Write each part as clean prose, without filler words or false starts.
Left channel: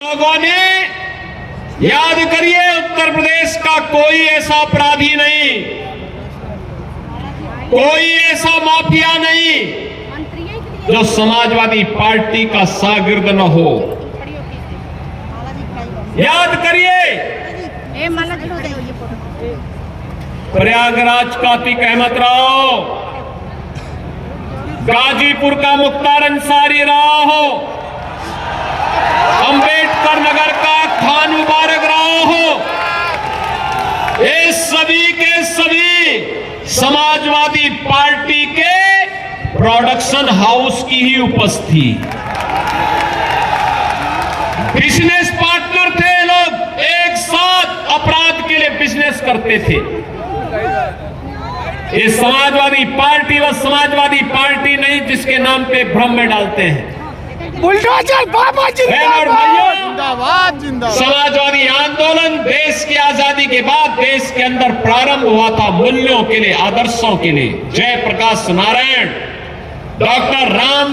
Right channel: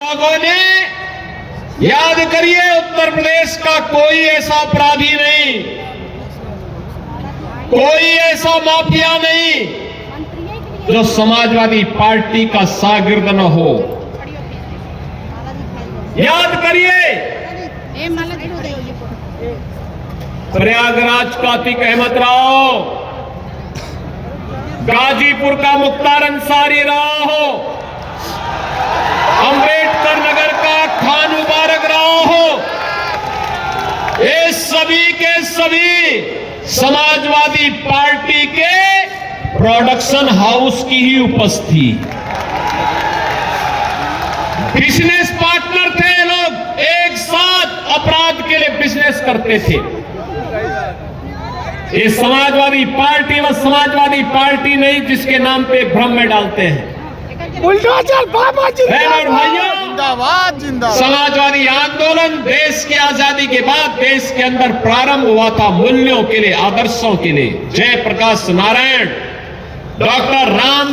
लोगों ने याद करिए, उत्तर प्रदेश का कोई ऐसा अपराधी नहीं, कोई ऐसा माफिया नहीं जो समाजवादी पार्टी का शागिर्द न हो। याद करिए, प्रयागराज का अतीक अहमद राव, गाजीपुर का मुख्तार अंसारी राव हो, अंबेडकर नगर का खान मुबारक राव हो, ये सभी के सभी समाजवादी पार्टी के प्रोडक्शन हाउस की ही उपस्थिति, बिजनेस पार्टनर थे। लोग एक साथ अपराध के लिए बिजनेस करते थे। ये समाजवादी पार्टी व समाजवादी पार्टी नहीं जिसके नाम पे भ्रम में डालते हैं। बहन और भाइयों, जिंदाबाद जिंदाबाद। समाजवादी आंदोलन देश की आजादी के बाद देश के अंदर प्रारंभ हुआ था, मूल्यों के लिए, आदर्शों के लिए। जयप्रकाश नारायण, डॉक्टर राम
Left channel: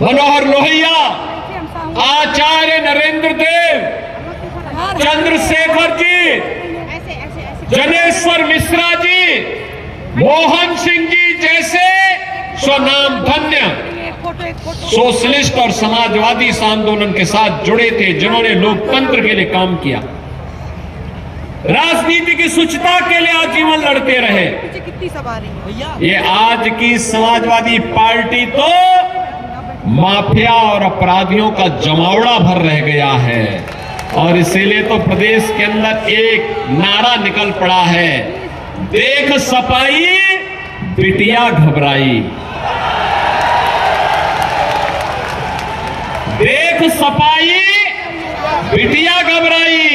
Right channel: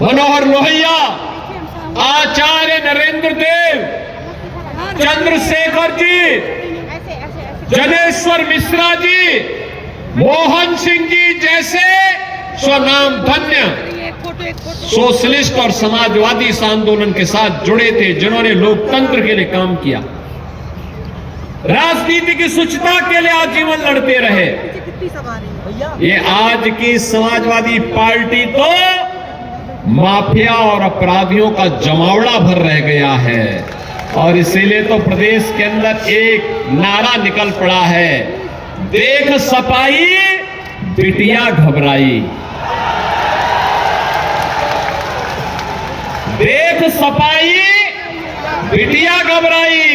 मनोहर लोहिया, आचार्य नरेंद्र देव, चंद्रशेखर जी, जनेश्वर मिश्रा जी, मोहन सिंह जी जैसे स्वनाम धन्य सोशलिस्ट और समाजवादी इस आंदोलन के साथ जुड़े थे, जिन्होंने लोकतंत्र के लिए काम किया, राजनीति की शुचिता के लिए आजीवन लड़ते रहे। ये आज की समाजवादी पार्टी तो माफिया और अपराधियों का जमावड़ा भर रह गया है, और इसीलिए तो प्रदेश के अंदर एक नारा निकल पड़ा है, देख सपाई बिटिया घबराई। देख सपाई बिटिया घबराई।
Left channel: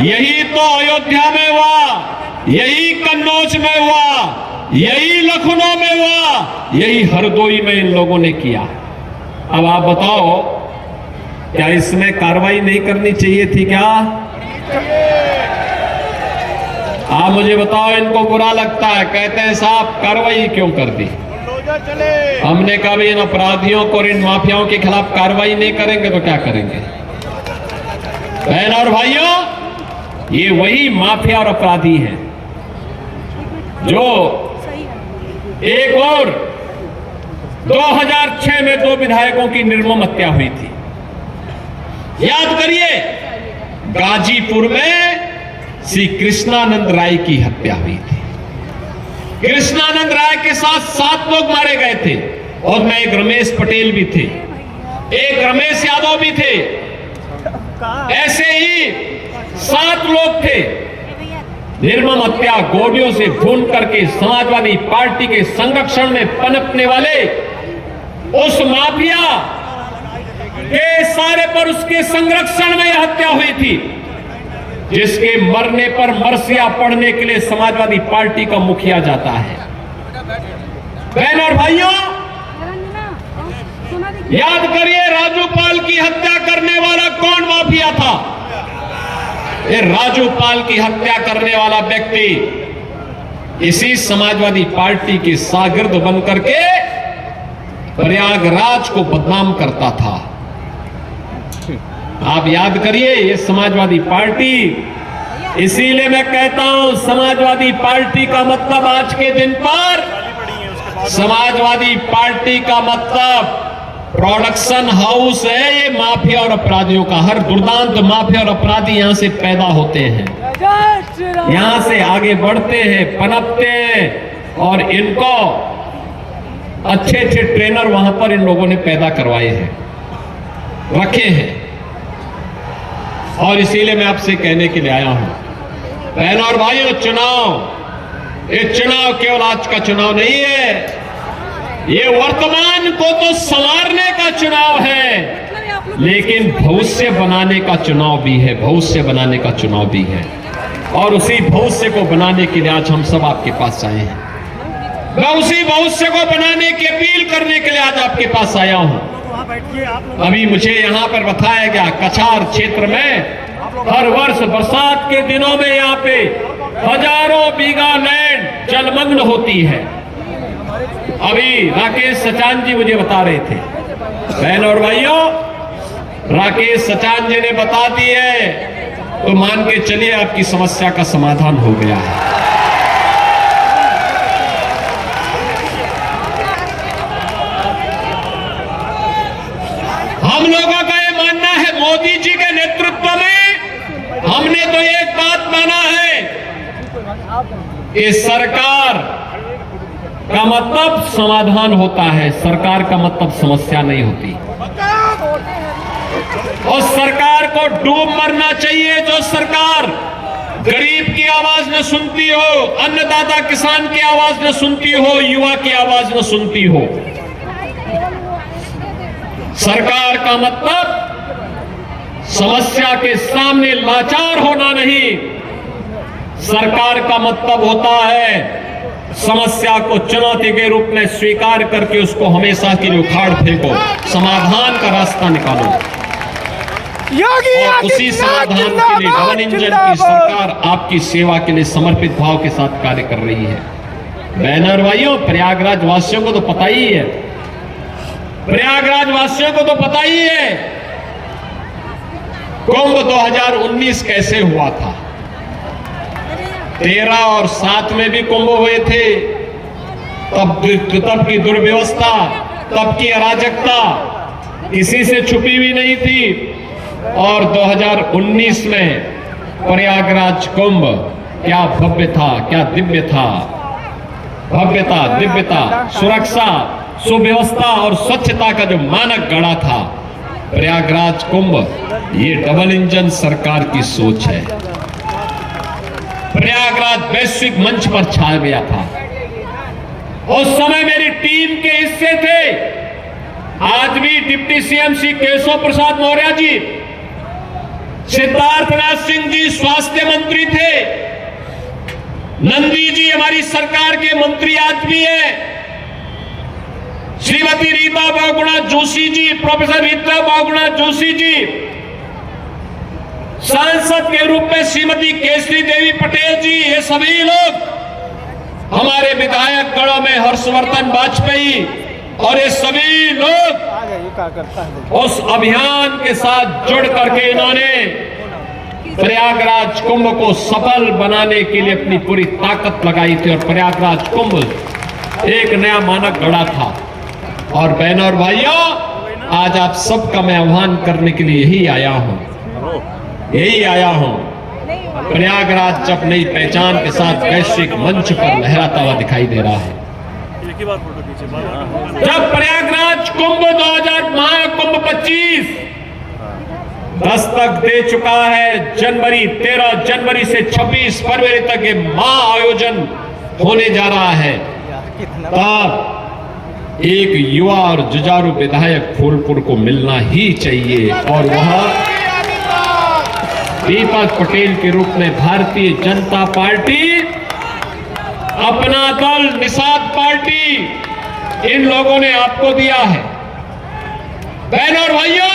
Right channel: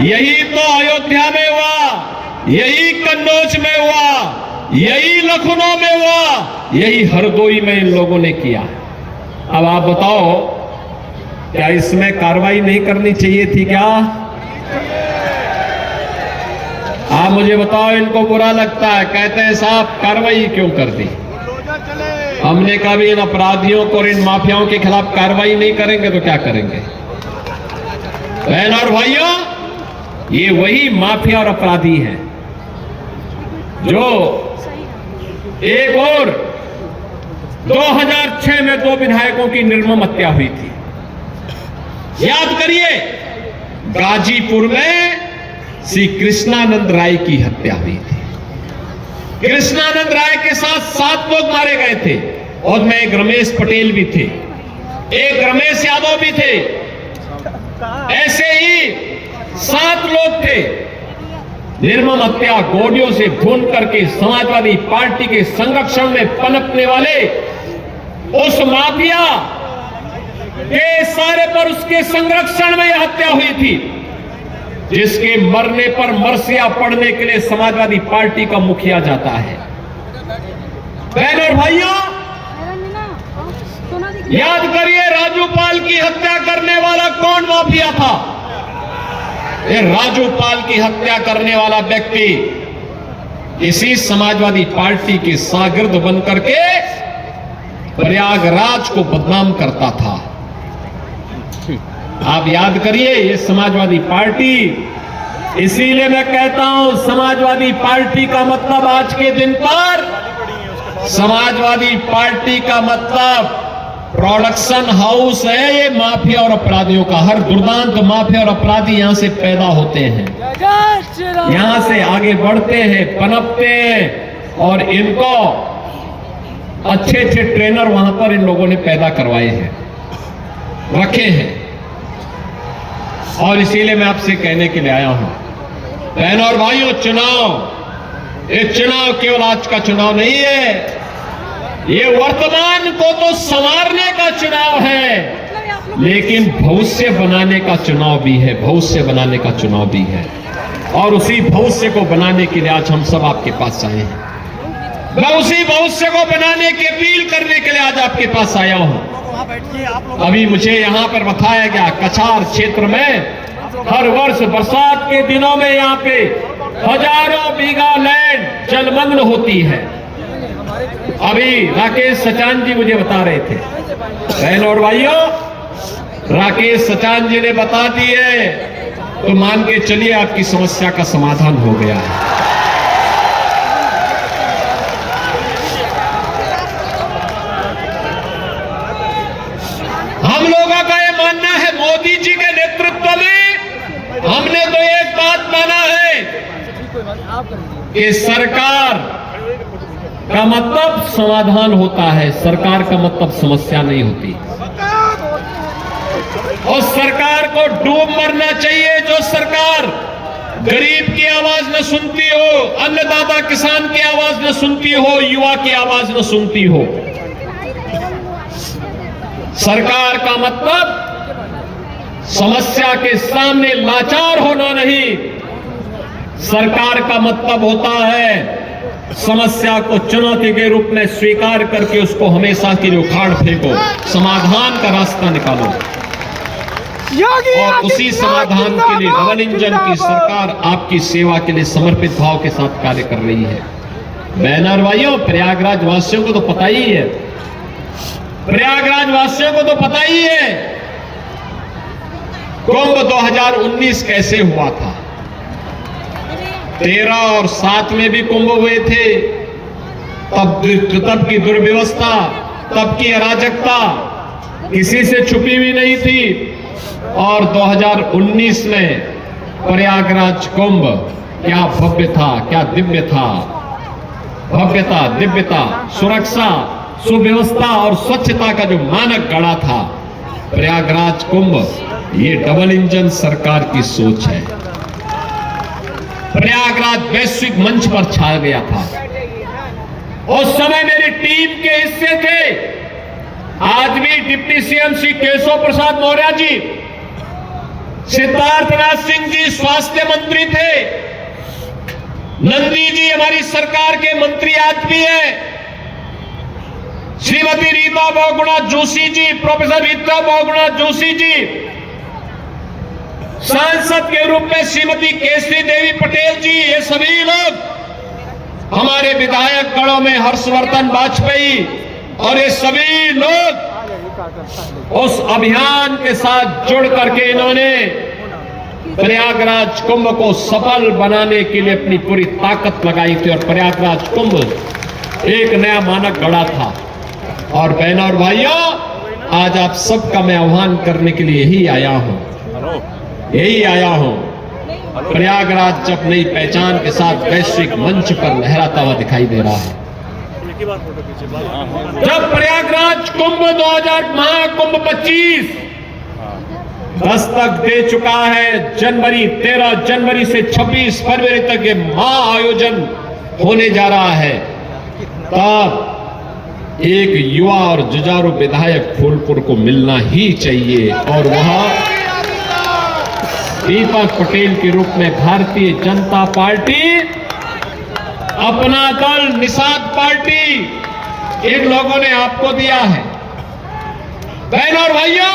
यही तो अयोध्या में हुआ, यही कन्नौज में हुआ, यही लखनऊ में हुआ, यही हरदोई में इन लोगों ने किया। अब आप बताओ, क्या इसमें कार्रवाई नहीं करनी चाहिए थी क्या? आप मुझे बताओ, इनको बुरा लगता है, कहते हैं साहब कार्रवाई क्यों कर दी? हमने कभी इन अपराधियों को और इन माफियाओं के खिलाफ कार्रवाई नहीं करेंगे तो क्या करेंगे? बहन और भाइयों, ये वही माफिया और अपराधी हैं जो एक और 2006 में 2 विधायकों की निर्मम हत्या हुई थी। याद करिए, गाजीपुर में श्री कृष्णानंद राय की हत्या हुई थी। कृष्णानंद राय के साथ 7 लोग मारे गए थे, और में एक रमेश पटेल भी थे, एक रमेश यादव भी थे, ऐसे ही 7 लोग थे। निर्मम हत्या गोलियों से भून करके समाजवादी पार्टी के संरक्षण में पनपने वाले उस माफिया के सारे पर उसके संरक्षण में हत्या हुई थी, जिसके मरने पर मरसिया पड़ने के लिए समाजवादी पार्टी का मुखिया जाता है। बहन और भाइयों, याद करिए, राजूपाल की हत्या करने वाला कौन माफिया था? ये राजूपाल की हत्या करने वाला व्यक्ति इसी समाजवादी पार्टी के शागिर्द बनकर के प्रयागराज को बदनाम करता था। आप याद करिए, ये समाजवादी पार्टी, इसीलिए मैं कहता हूं, समाजवादी पार्टी का मतलब आज के दिन पर, समाजवादी पार्टी का मतलब प्रोडक्शन हाउस है। ये माफिया और अपराधियों का, हर दुर्दांत माफिया और अपराधी यहां से पैदा होते हैं, यहां से आगे बढ़ते हैं, पनपते हैं, और इनको अच्छे अच्छे ट्रेनर वहां पर इन लोगों ने पैदा करवाए हैं, रखे हैं। और इसीलिए मैं आपसे कहने के लिए आया हूं, बहन और भाइयों, ये चुनाव केवल आज का चुनाव नहीं है, ये वर्तमान को तो संवारने का चुनाव है, लेकिन भविष्य बनाने का चुनाव भी है, भविष्य बनाने का चुनाव भी है। और उसी भविष्य को बनाने के लिए आज हम सब आपके पास आए हैं। मैं उसी भविष्य को बनाने की अपील करने के लिए आज आपके पास आया हूं। अभी मुझे यहां पर बताया गया, कछार क्षेत्र में हर वर्ष बरसात के दिनों में यहां पे हजारों बीघा लैंड जलमग्न होती है। अभी राकेश सचान जी मुझे बता रहे थे। बहन और भाइयों, राकेश सचान जी ने बता दी है, तो मान के चलिए आपकी समस्या का समाधान हो गया है। हम लोगों का ये मानना है, मोदी जी के नेतृत्व में हमने तो एक बात माना है कि सरकार का मतलब समाधान होता है, सरकार का मतलब समस्या नहीं होती। और सरकार को डूब मरना चाहिए जो सरकार गरीब की आवाज न सुनती हो, अन्नदाता किसान की आवाज न सुनती हो, युवा की आवाज न सुनती हो। सरकार का मतलब समस्या के सामने लाचार होना नहीं, सरकार का मतलब होता है समस्या को चुनौती के रूप में स्वीकार करके उसको हमेशा के लिए उखाड़ फेंको, समाधान का रास्ता निकालो। और उसी समाधान के लिए डबल इंजन की सरकार आपकी सेवा के लिए समर्पित भाव के साथ कार्य कर रही है। बहनों और भाइयों, प्रयागराज वासियों को तो पता ही है, प्रयागराज वासियों को तो पता ही है कुंभ 2019 कैसे हुआ था। 13 और 7 में भी कुंभ हुए थे, तब की दुर्व्यवस्था, तब की अराजकता किसी से छुपी हुई नहीं थी। और 2019 में प्रयागराज कुंभ क्या भव्य था, क्या दिव्य था। भव्यता, दिव्यता, सुरक्षा, सुव्यवस्था और स्वच्छता का जो मानक गढ़ा था प्रयागराज कुंभ, ये डबल इंजन सरकार की सोच है। प्रयागराज वैश्विक मंच पर छा गया था। उस समय मेरी टीम के हिस्से थे आज भी डिप्टी सीएम श्री केशव प्रसाद मौर्य जी, सिद्धार्थनाथ सिंह जी स्वास्थ्य मंत्री थे, नंदी जी हमारी सरकार के मंत्री आज भी हैं, श्रीमती रीता बहुगुणा जोशी जी, प्रोफेसर रीता बहुगुणा जोशी जी, सांसद के रूप में श्रीमती केसरी देवी पटेल जी, ये सभी लोग हमारे विधायक गणों में हर्षवर्धन वाजपेयी, और ये सभी लोग उस अभियान के साथ जुड़ करके इन्होंने प्रयागराज कुंभ को सफल बनाने के लिए अपनी पूरी ताकत लगाई थी। और प्रयागराज कुंभ एक नया मानक गढ़ा था। और बहनों और भाइयों, आज आप सबका मैं आह्वान करने के लिए यही आया हूं। प्रयागराज जब नई पहचान के साथ वैश्विक मंच पर लहराता हुआ दिखाई दे रहा है, जब प्रयागराज कुंभ 2000 महाकुंभ 25 दस्तक दे चुका है, 13 जनवरी से 26 फरवरी तक ये महाआयोजन होने जा रहा है, तब एक युवा और जुझारू विधायक फूलपुर को मिलना ही चाहिए। और वह दीपक पटेल के रूप में भारतीय जनता पार्टी, अपना दल निषाद पार्टी, इन लोगों ने आपको दिया है। बहनों और भाइयों,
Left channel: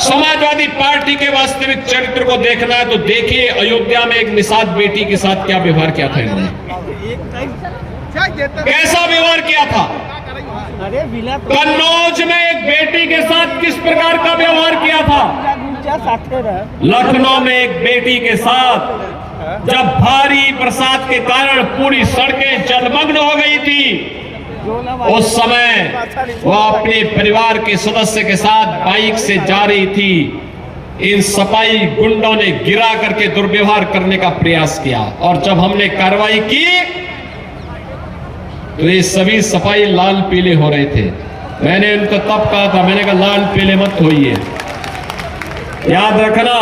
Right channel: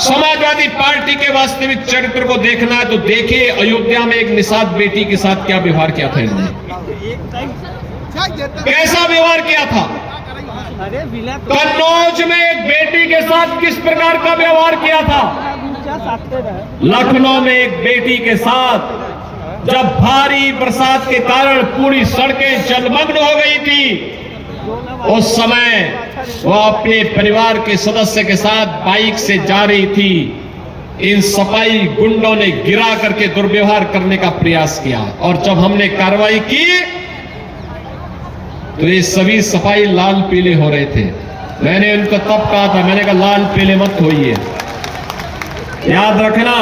समाजवादी पार्टी के वास्तविक चरित्र को देखना है तो देखिए अयोध्या में एक निषाद बेटी के साथ क्या व्यवहार किया था इन्होंने, कैसा व्यवहार किया था। कन्नौज में एक बेटी के साथ किस प्रकार का व्यवहार किया था। लखनऊ में एक बेटी के साथ जब भारी बरसात के कारण पूरी सड़कें जलमग्न हो गई थी, उस समय वो अपने परिवार के सदस्य के साथ बाइक से जा रही थी, इन सफाई गुंडों ने गिरा करके दुर्व्यवहार करने का प्रयास किया। और जब हमने कार्रवाई की तो ये सभी सफाई लाल पीले हो रहे थे। मैंने उनको तब कहा था, मैंने कहा लाल पीले मत होइए, याद रखना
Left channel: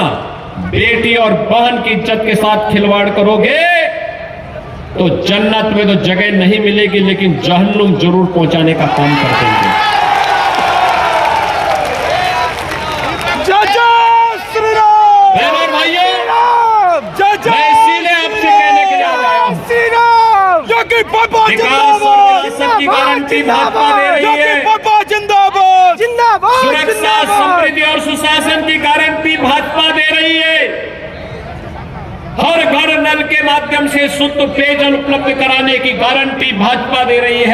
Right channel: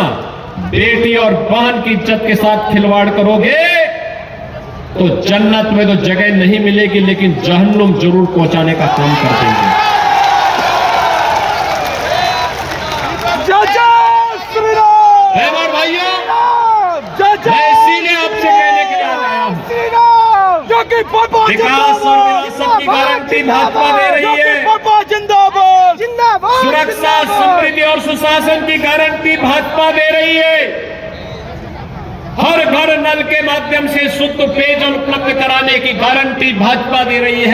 बेटी और बहन की इज्जत के साथ खिलवाड़ करोगे तो जन्नत में तो जगह नहीं मिलेगी, लेकिन जहन्नुम जरूर पहुंचाने का काम कर देंगे। बहनों और भाइयों, मैं इसीलिए आपसे कहने के लिए आया हूं, विकास और विरासत की गारंटी भाजपा दे रही है, सुरक्षा, समृद्धि और सुशासन की गारंटी भाजपा दे रही है, हर घर नल के माध्यम से शुद्ध पेयजल उपलब्ध कराने की गारंटी भाजपा दे रही है।